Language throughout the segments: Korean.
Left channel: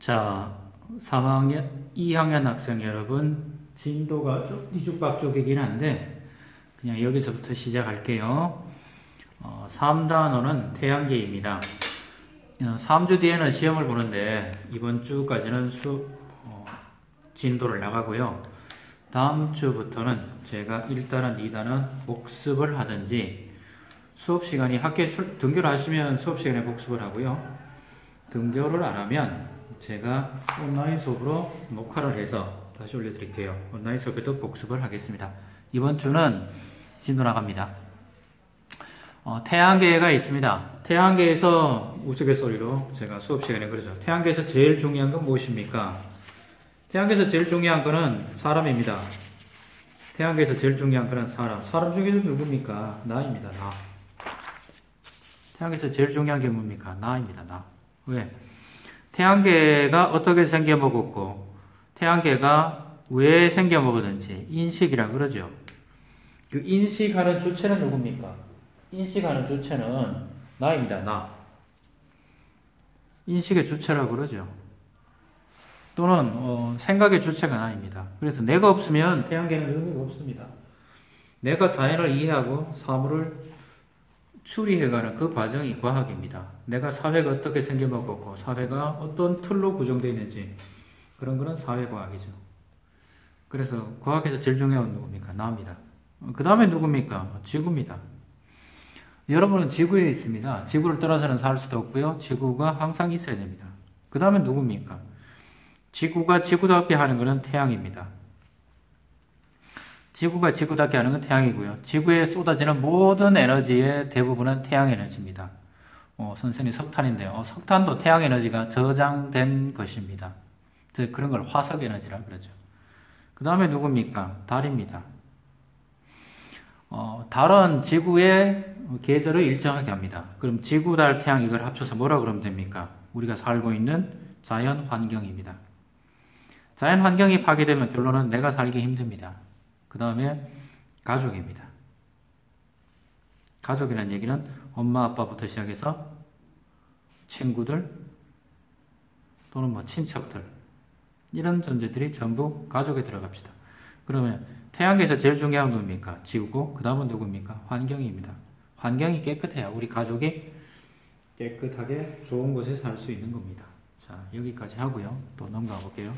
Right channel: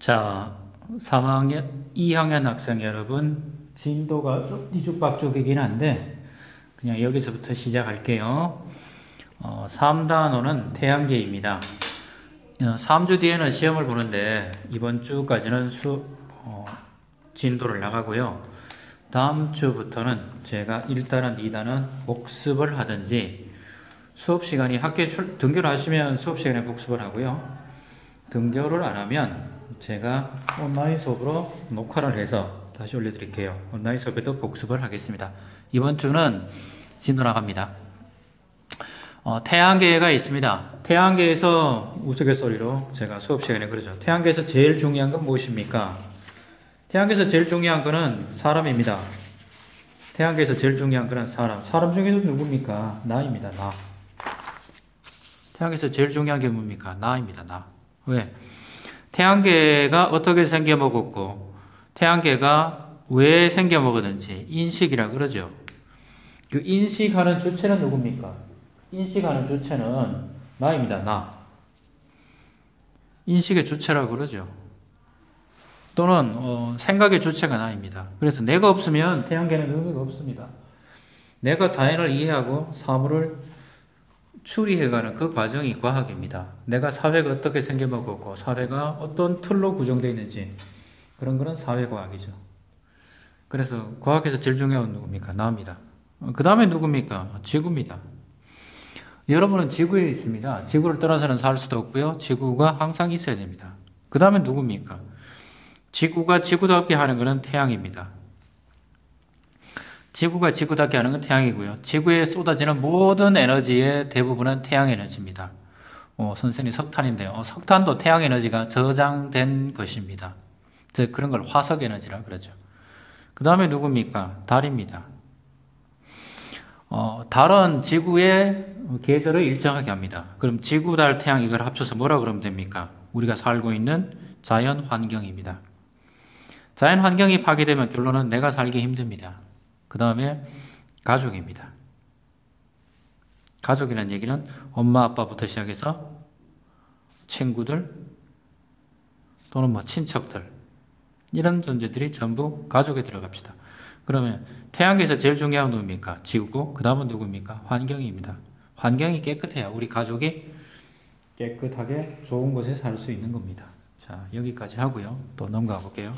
자, 3학년, 2학년 학생 여러분, 진도가 좀 뒤죽박죽이긴 한데, 그냥 여기서부터 시작할게요. 3단원은 태양계입니다. 3주 뒤에는 시험을 보는데, 이번 주까지는 진도를 나가고요. 다음 주부터는 제가 1단원, 2단원 복습을 하든지, 수업 시간이 학교에 등교를 하시면 수업 시간에 복습을 하고요. 등교를 안 하면 제가 온라인 수업으로 녹화를 해서 다시 올려드릴게요. 온라인 수업에도 복습을 하겠습니다. 이번 주는 진도 나갑니다. 태양계가 있습니다. 태양계에서 우스갯소리로 제가 수업 시간에 그러죠. 태양계에서 제일 중요한 건 무엇입니까? 태양계에서 제일 중요한 거는 사람입니다. 태양계에서 제일 중요한 거는 사람. 사람 중에서 누굽니까? 나입니다. 나. 태양계에서 제일 중요한 게 뭡니까? 나입니다. 나. 왜? 태양계가 어떻게 생겨먹었고 태양계가 왜 생겨먹었는지 인식이라 그러죠. 그 인식하는 주체는 누굽니까? 인식하는 주체는 나입니다. 나. 인식의 주체라고 그러죠. 또는 생각의 주체가 나입니다. 그래서 내가 없으면 태양계는 의미가 없습니다. 내가 자연을 이해하고 사물을 추리해가는 그 과정이 과학입니다. 내가 사회가 어떻게 생겨먹었고 사회가 어떤 틀로 구성되어 있는지 그런 거는 사회과학이죠. 그래서 과학에서 제일 중요한 건 누굽니까? 나입니다. 그 다음에 누굽니까? 지구입니다. 여러분은 지구에 있습니다. 지구를 떠나서는 살 수도 없고요. 지구가 항상 있어야 됩니다. 그 다음에 누굽니까? 지구가 지구답게 하는 것은 태양입니다. 지구가 지구답게 하는 건 태양이고요. 지구에 쏟아지는 모든 에너지의 대부분은 태양 에너지입니다. 선생님 석탄인데요. 석탄도 태양 에너지가 저장된 것입니다. 그런 걸 화석 에너지라 그러죠. 그 다음에 누굽니까? 달입니다. 달은 지구의 계절을 일정하게 합니다. 그럼 지구, 달, 태양 이걸 합쳐서 뭐라 그러면 됩니까? 우리가 살고 있는 자연 환경입니다. 자연 환경이 파괴되면 결론은 내가 살기 힘듭니다. 그 다음에 가족입니다. 가족이라는 얘기는 엄마, 아빠부터 시작해서 친구들 또는 친척들 이런 존재들이 전부 가족에 들어갑시다. 그러면 태양계에서 제일 중요한 건 누굽니까? 지구고 그 다음은 누굽니까? 환경입니다. 환경이 깨끗해야 우리 가족이 깨끗하게 좋은 곳에 살 수 있는 겁니다. 자, 여기까지 하고요. 또 넘어가 볼게요.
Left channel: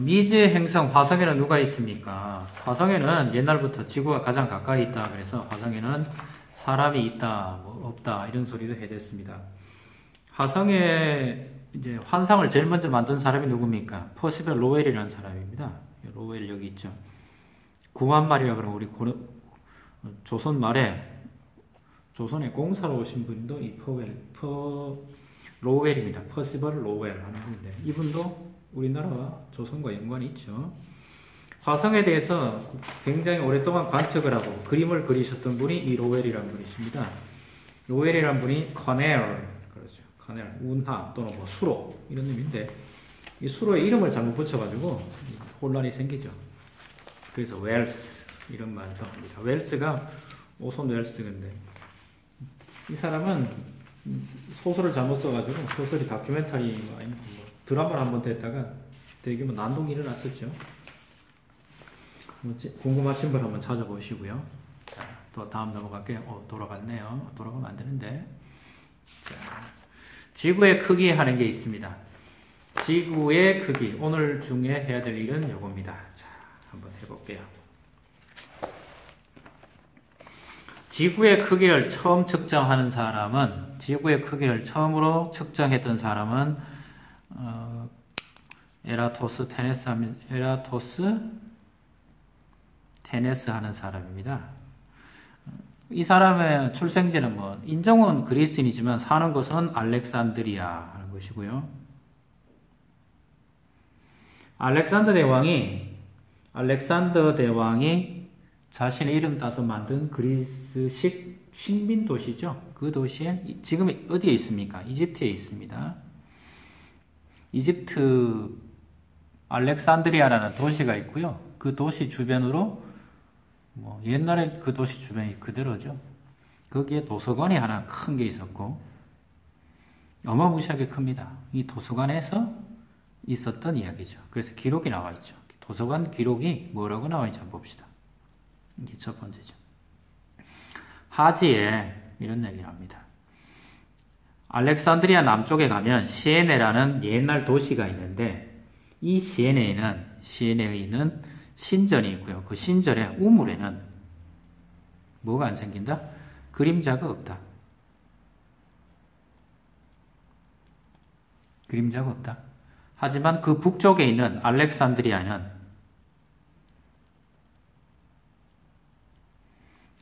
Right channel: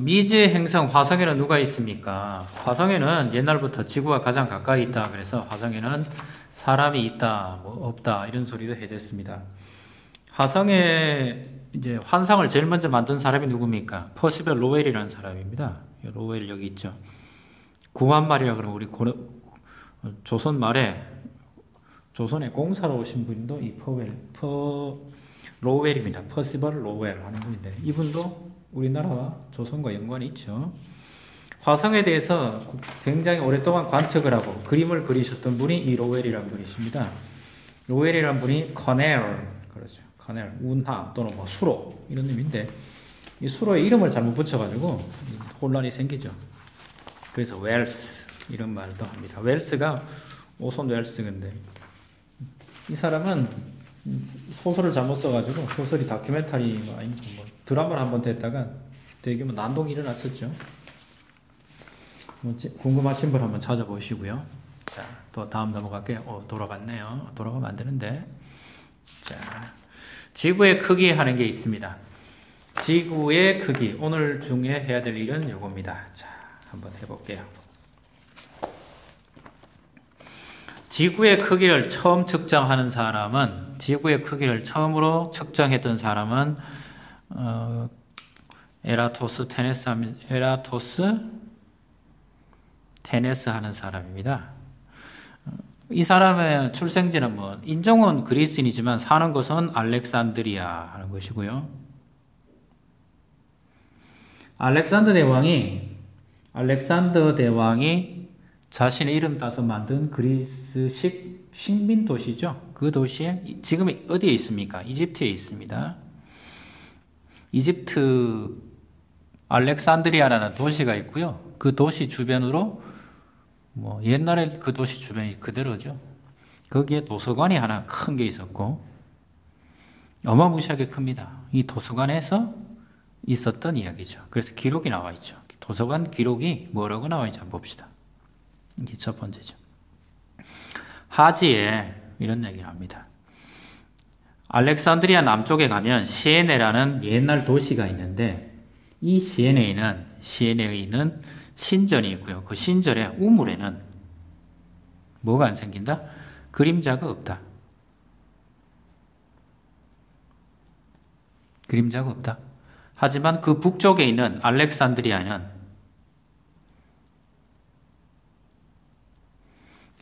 미지의 행성 화성에는 누가 있습니까? 화성에는 옛날부터 지구와 가장 가까이 있다 그래서 화성에는 사람이 있다, 없다 이런 소리도 해댔습니다. 화성에 이제 환상을 제일 먼저 만든 사람이 누굽니까? 퍼시벌 로웰이라는 사람입니다. 로웰 여기 있죠. 구한말이라 그러면 우리 조선 말에 조선에 공사로 오신 분도 이 로웰입니다. 퍼시벌 로웰 하는 분인데 이분도 우리나라와 조선과 연관이 있죠. 화성에 대해서 굉장히 오랫동안 관측을 하고 그림을 그리셨던 분이 이 로웰이라는 분이십니다. 로웰이라는 분이 커넬, 그렇죠. 커넬, 운하 또는 수로 이런 의미인데 이 수로의 이름을 잘못 붙여가지고 혼란이 생기죠. 그래서 웰스 이런 말도 합니다. 웰스가 오손 웰스인데 이 사람은 소설을 잘못 써가지고 소설이 다큐멘터리 드라마를 한번 됐다가 되게 난동이 일어났었죠. 궁금하신 분 한번 찾아보시고요. 자, 또 다음 넘어갈게요. 돌아갔네요. 돌아가면 안 되는데. 자, 지구의 크기 하는 게 있습니다. 지구의 크기. 오늘 중에 해야 될 일은 요겁니다. 자, 한번 해볼게요. 지구의 크기를 처음 측정하는 사람은, 지구의 크기를 처음으로 측정했던 사람은, 에라토스 테네스 하는 사람입니다. 이 사람의 출생지는 인종은 그리스인이지만 사는 곳은 알렉산드리아 하는 것이고요. 알렉산더 대왕이 자신의 이름 따서 만든 그리스식 식민 도시죠. 그 도시에 지금 어디에 있습니까? 이집트에 있습니다. 이집트 알렉산드리아라는 도시가 있고요. 그 도시 주변으로 옛날에 그 도시 주변이 그대로죠. 거기에 도서관이 하나 큰 게 있었고 어마무시하게 큽니다. 이 도서관에서 있었던 이야기죠. 그래서 기록이 나와 있죠. 도서관 기록이 뭐라고 나와 있는지 한번 봅시다. 이게 첫 번째죠. 하지에 이런 얘기를 합니다. 알렉산드리아 남쪽에 가면 시에네라는 옛날 도시가 있는데 이 시에네에 있는 신전이 있고요. 그 신전의 우물에는 뭐가 안 생긴다? 그림자가 없다. 그림자가 없다. 하지만 그 북쪽에 있는 알렉산드리아는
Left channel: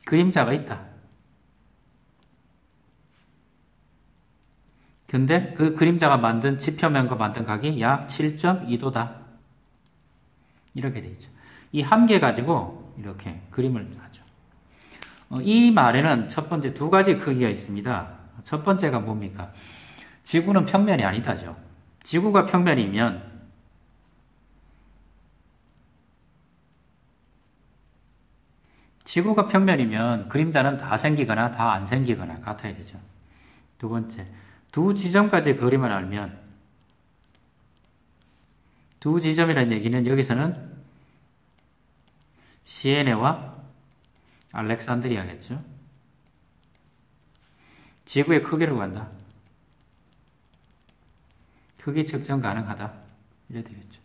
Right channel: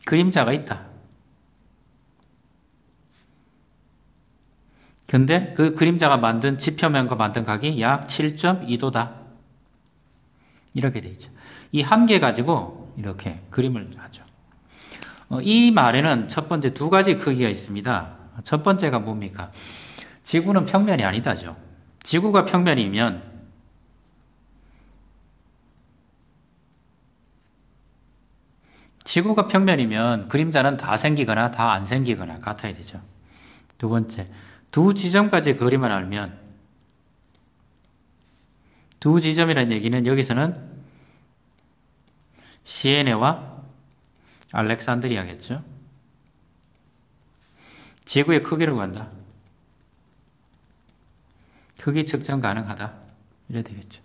그림자가 있다. 근데 그 그림자가 만든 지표면과 만든 각이 약 7.2도다. 이렇게 되어 있죠. 이 함계 가지고 이렇게 그림을 하죠. 이 말에는 첫 번째 두 가지 크기가 있습니다. 첫 번째가 뭡니까? 지구는 평면이 아니다죠. 지구가 평면이면 그림자는 다 생기거나 다 안 생기거나 같아야 되죠. 두 번째, 두 지점까지 거리만 알면 두 지점이라는 얘기는 여기서는 시에네와 알렉산드리아겠죠. 지구의 크기로 간다. 크기 측정 가능하다. 이래 되겠죠.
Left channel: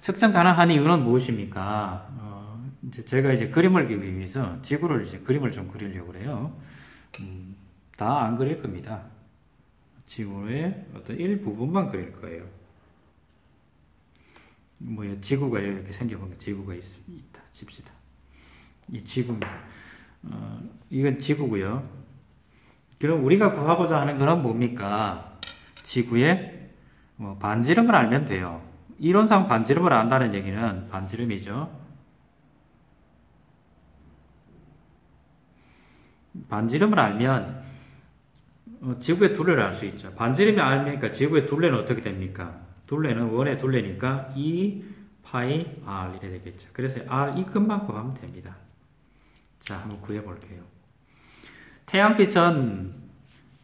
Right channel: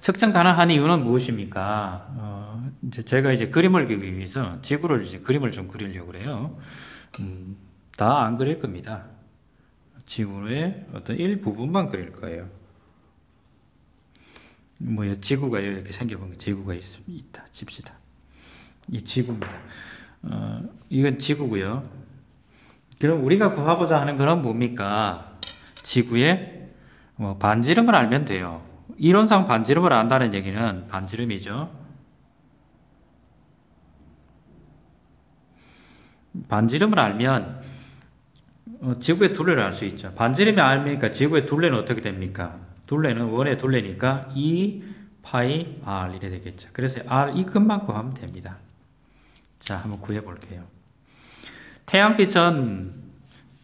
측정 가능한 이유는 무엇입니까? 제가 이제 그림을 그리기 위해서 지구를 이제 그림을 좀 그리려고 그래요. 다 안 그릴 겁니다. 지구의 어떤 일부분만 그릴 거예요. 지구가 이렇게 생겨본 지구가 있다. 칩시다. 이 지구입니다. 이건 지구고요. 그럼 우리가 구하고자 하는 것은 뭡니까? 지구의 반지름을 알면 돼요. 이론상 반지름을 안다는 얘기는 반지름이죠. 반지름을 알면 지구의 둘레를 알 수 있죠. 반지름이 알니까 지구의 둘레는 어떻게 됩니까? 둘레는 원의 둘레니까 2 파이 r 이래 되겠죠. 그래서 r 이 값만 구하면 됩니다. 자, 한번 구해 볼게요. 태양빛은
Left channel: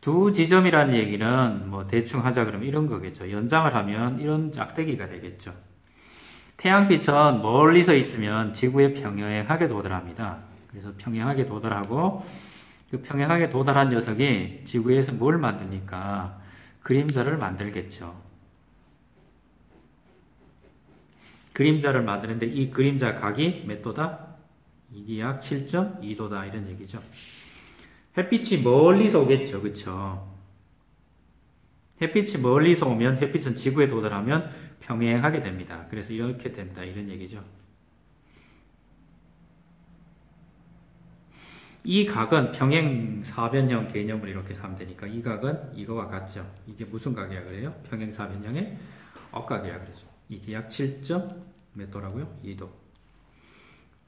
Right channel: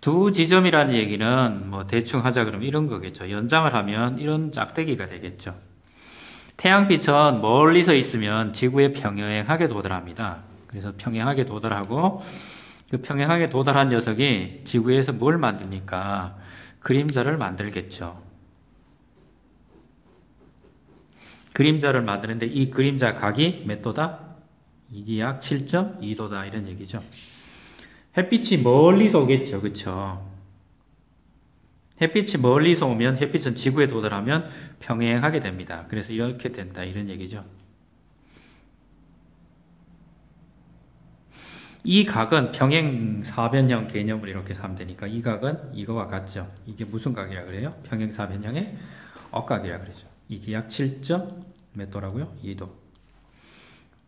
두 지점이라는 얘기는 대충 하자 그러면 이런 거겠죠. 연장을 하면 이런 짝대기가 되겠죠. 태양빛은 멀리서 있으면 지구에 평행하게 도달합니다. 그래서 평행하게 도달하고 그 평행하게 도달한 녀석이 지구에서 뭘 만듭니까? 그림자를 만들겠죠. 그림자를 만드는데 이 그림자 각이 몇 도다? 이게 약 7.2도다 이런 얘기죠. 햇빛이 멀리서 오겠죠. 그쵸? 햇빛이 멀리서 오면 햇빛은 지구에 도달하면 평행하게 됩니다. 그래서 이렇게 된다 이런 얘기죠. 이 각은 평행사변형 개념을 이렇게 하면 되니까 이 각은 이거와 같죠. 이게 무슨 각이라 그래요? 평행사변형의 억각이라 그러죠. 이게 약 7. 몇 도라고요? 2도.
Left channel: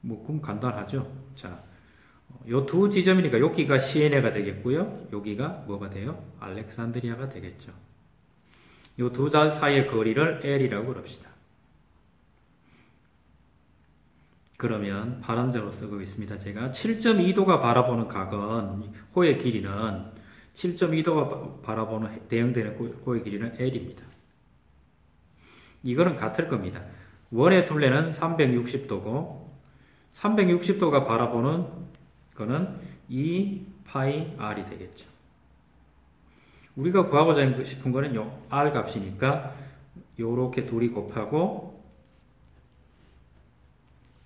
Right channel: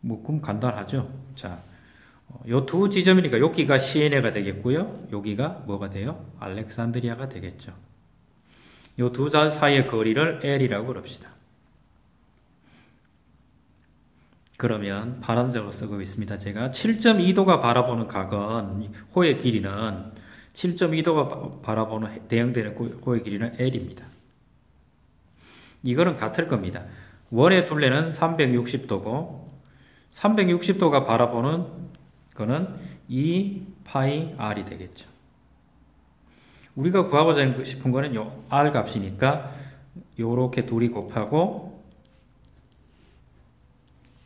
그럼 간단하죠. 자, 요 두 지점이니까 여기가 시에네가 되겠고요. 여기가 뭐가 돼요? 알렉산드리아가 되겠죠. 요 두 사이의 거리를 L이라고 그럽시다. 그러면 파란색으로 쓰고 있습니다. 제가 7.2도가 바라보는 각은 호의 길이는 7.2도가 바라보는 대응되는 호의 길이는 L입니다. 이거는 같을 겁니다. 원의 둘레는 360도고 360도가 바라보는 거는 2 파이 r이 되겠죠. 우리가 구하고자 싶은 거는 요 r 값이니까 요렇게 둘이 곱하고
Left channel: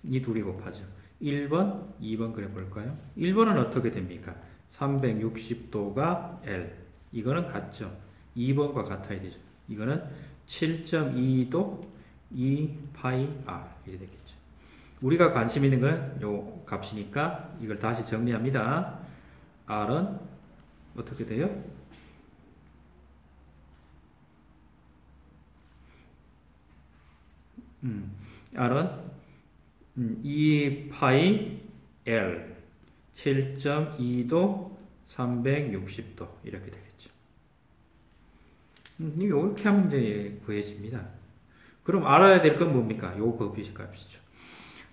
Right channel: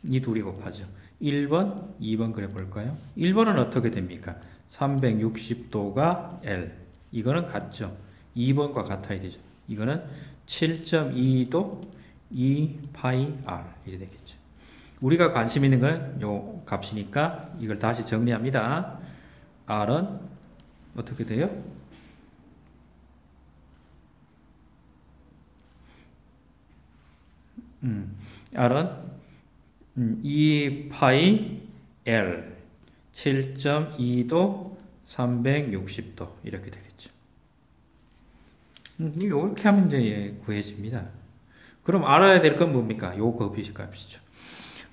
이 둘이 곱하죠. 1번, 2번 그래 볼까요? 1번은 어떻게 됩니까? 360도가 L. 이거는 같죠. 2번과 같아야 되죠. 이거는 7.2도 2 파이 R. 이렇게 되겠죠. 우리가 관심 있는 건 요 값이니까 이걸 다시 정리합니다. R은 어떻게 돼요? R은 2 파이 L 7.2도 360도 이렇게 되겠죠. 이렇게 하면 이제 구해집니다. 그럼 알아야 될 건 뭡니까? 요 값이죠.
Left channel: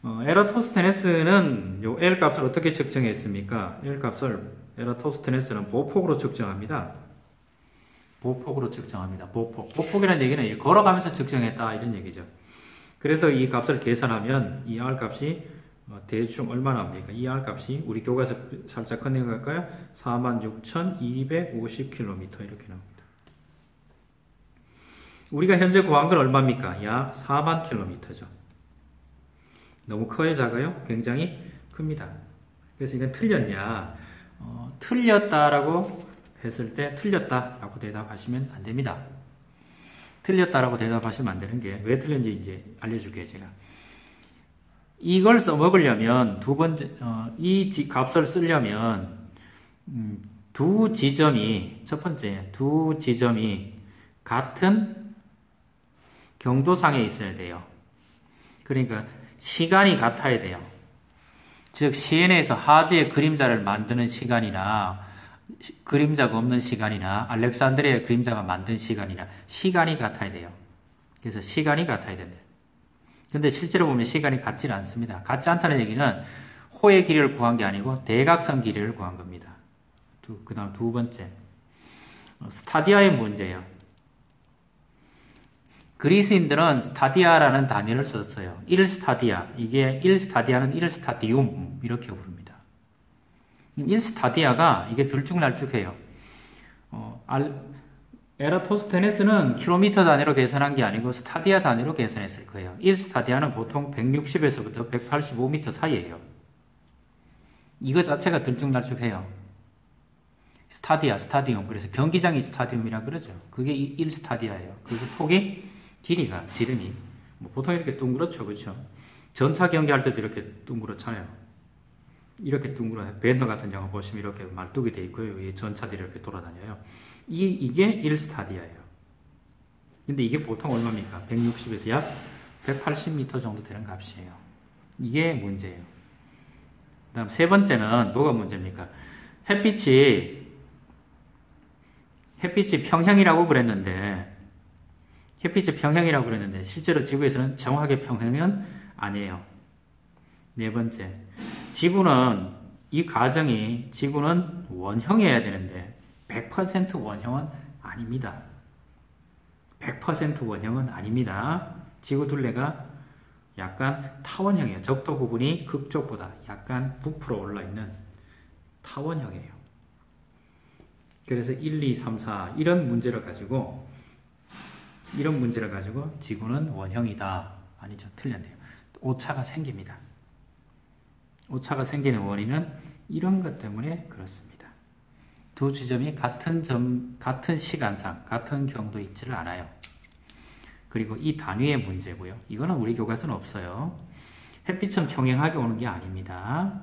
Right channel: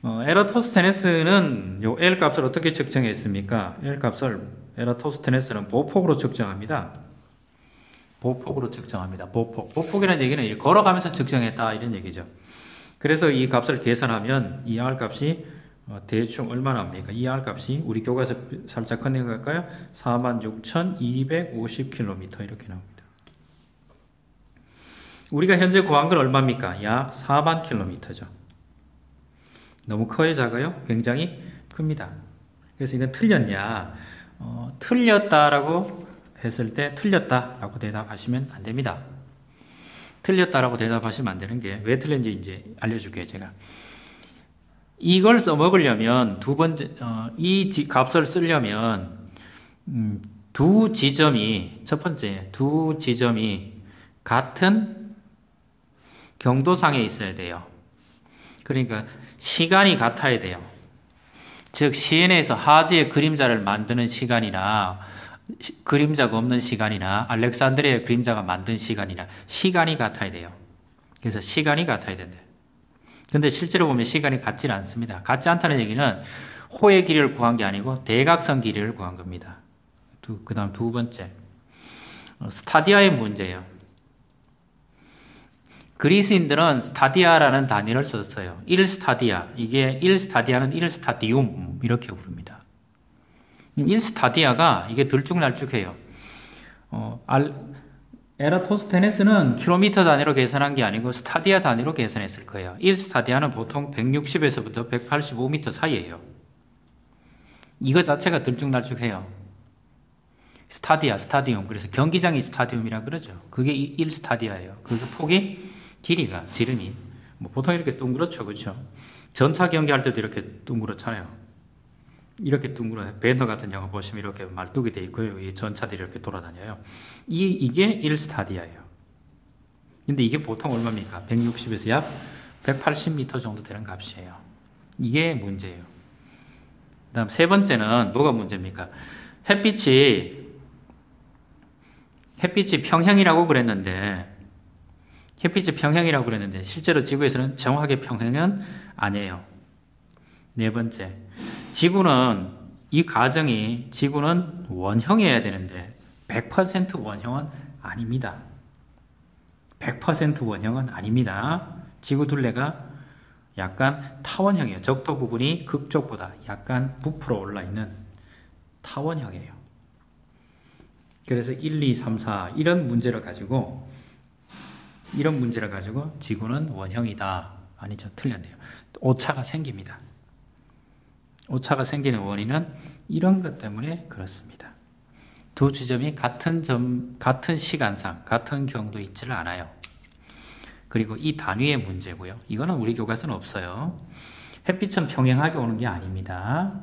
에라토스테네스는 요 L 값을 어떻게 측정했습니까? L 값을 에라토스테네스는 보폭으로 측정합니다. 보폭으로 측정합니다. 보폭. 보폭이라는 얘기는 걸어가면서 측정했다 이런 얘기죠. 그래서 이 값을 계산하면 이 R 값이 대충 얼마나 합니까? 이 R 값이 우리 교과서 살짝 컨닝할까요? 46,250km 이렇게 나옵니다. 우리가 현재 구한 건 얼마입니까? 약 4만 km죠. 너무 커요, 작아요? 굉장히 큽니다. 그래서 이건 틀렸냐? 틀렸다라고 했을 때 틀렸다라고 대답하시면 안 됩니다. 틀렸다라고 대답하시면 안 되는 게 왜 틀렸는지 이제 알려줄게요, 제가. 이걸 써먹으려면 두 번째, 이 값을 쓰려면, 두 지점이, 첫 번째, 두 지점이 같은 경도상에 있어야 돼요. 그러니까 시간이 같아야 돼요. 즉, 시엔에서 하즈의 그림자를 만드는 시간이나, 그림자가 없는 시간이나, 알렉산드리아의 그림자가 만든 시간이나, 시간이 같아야 돼요. 그래서 시간이 같아야 된대요. 근데 실제로 보면 시간이 같지는 않습니다. 같지 않다는 얘기는 호의 길이를 구한 게 아니고 대각선 길이를 구한 겁니다. 그 다음 두 번째. 스타디아의 문제예요. 그리스인들은 스타디아라는 단위를 썼어요. 1스타디아. 이게 1스타디아는 1스타디움. 이렇게 부릅니다. 1스타디아가 이게 들쭉날쭉해요. 에라토스테네스는 킬로미터 단위로 계산한 게 아니고 스타디아 단위로 계산했을 거예요. 1스타디아는 보통 160에서부터 185m 사이예요. 이거 자체가 들쭉날쭉해요. 스타디아, 스타디움. 그래서 경기장이 스타디움이라 그러죠. 그게 1스타디아예요. 그리고 폭이, 길이가, 지름이 보통 이렇게 둥그렇죠. 그렇죠? 전차 경기할 때도 이렇게 둥그렇잖아요. 이렇게 둥그런 배너 같은 영화 보시면 이렇게 말뚝이 돼 있고요. 이 전차들이 이렇게 돌아다녀요. 이게 1스타디아예요. 근데 이게 보통 얼마입니까? 160에서 약 180m 정도 되는 값이에요. 이게 문제예요. 그 다음 세 번째는 뭐가 문제입니까? 햇빛이 평행이라고 그랬는데 실제로 지구에서는 정확하게 평행은 아니에요. 네 번째, 지구는 원형이어야 되는데 100% 원형은 아닙니다. 100% 원형은 아닙니다. 지구 둘레가 약간 타원형이에요. 적도 부분이 극쪽보다 약간 부풀어 올라 있는 타원형이에요. 그래서 1, 2, 3, 4 이런 문제를 가지고 지구는 원형이다. 아니죠. 틀렸네요. 오차가 생깁니다. 오차가 생기는 원인은 이런 것 때문에 그렇습니다. 두 지점이 같은 시간상, 같은 경도에 있지를 않아요. 그리고 이 단위의 문제고요. 이거는 우리 교과서는 없어요. 햇빛은 평행하게 오는 게 아닙니다.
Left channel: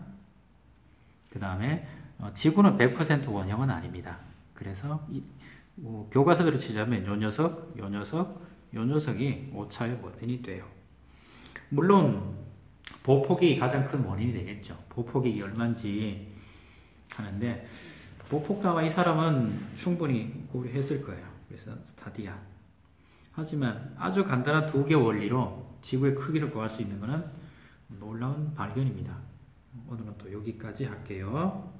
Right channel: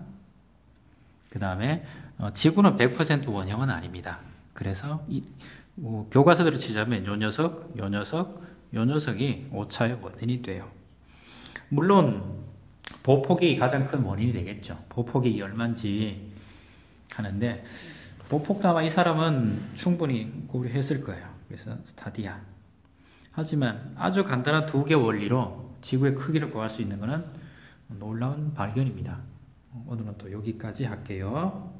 그 다음에 지구는 100% 원형은 아닙니다. 그래서 교과서대로 치자면 요 녀석이 오차의 원인이 돼요. 물론 보폭이 가장 큰 원인이 되겠죠. 보폭이 얼마인지 하는데 보폭도 이 사람은 충분히 고려했을 거예요. 그래서 스타디아. 하지만 아주 간단한 두 개 원리로 지구의 크기를 구할 수 있는 것은 놀라운 발견입니다. 오늘은 또 여기까지 할게요.